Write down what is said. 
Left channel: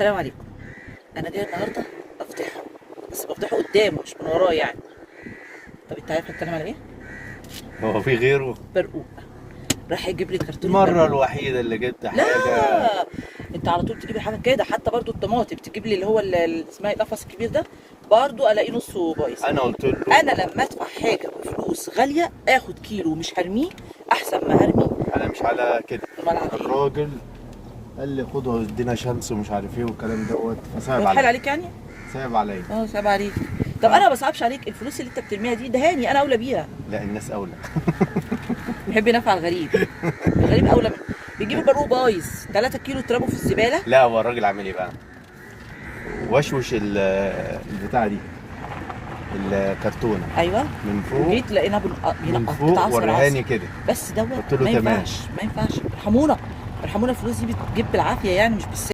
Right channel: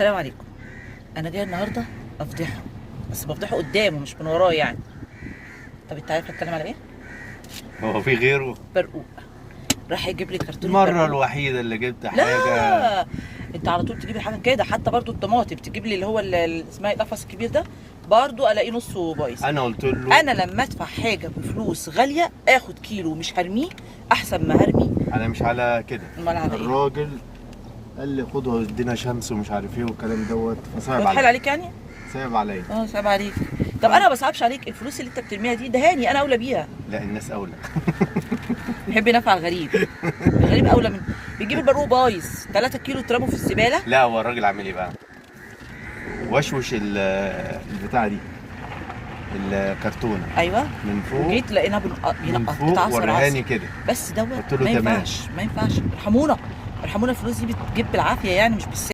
السلام عليكم. انا جايه النهارده افضحه، بس بفضحه قدامه مش من وراه يعني. طب انت عارف اتكلم على ايه؟ هو في غيره؟ برقوق. راح يجيب لي كرتونه المرة برقوق. الوحيدة اللي جبت حاجة. لا، انت على طول تجيب حاجه كده، حتى برضو الطماطم تجيب لي اللي هو اسمها القفص الكبير ده، برضو الاقيه نصه بايظ. أنا قلت له انا لما ادفع حاجه بفلوس غاليه اخد كيلو مش هرميه احسن ما هرمي. أنا مش على كده. امال على ايه؟ الراجل قال لي خد ودينا شمس ومش عارف ايه والكلام دوت، فصعب بتحايل عليا. عليك يعني؟ صعب عليا. صعب عليك. طب انا ما بصعبش عليك، الفلوس اللي انت بترميها دي دهاني، انا اولى بيها. لا، الناس أولى. بيحب ينفع الغريب. الغريب اولى من بيجيب البرقوق بايظ 3 كيلو ترموا في الزباله. لا، هو الراجل عامل ايه بقى؟ وشوش البتاعة دي، الكرتونة ايوه. من فوق. وجيت لقينا من بينقط فوق بتعصر ورهاني عصر. كده. بس دوت قلت له ما تمام. ينفعش ما ينفعش، ارحمونا. ارحمونا، الفلوس دي بتجيب بالعافيه يعني مش بالسهل.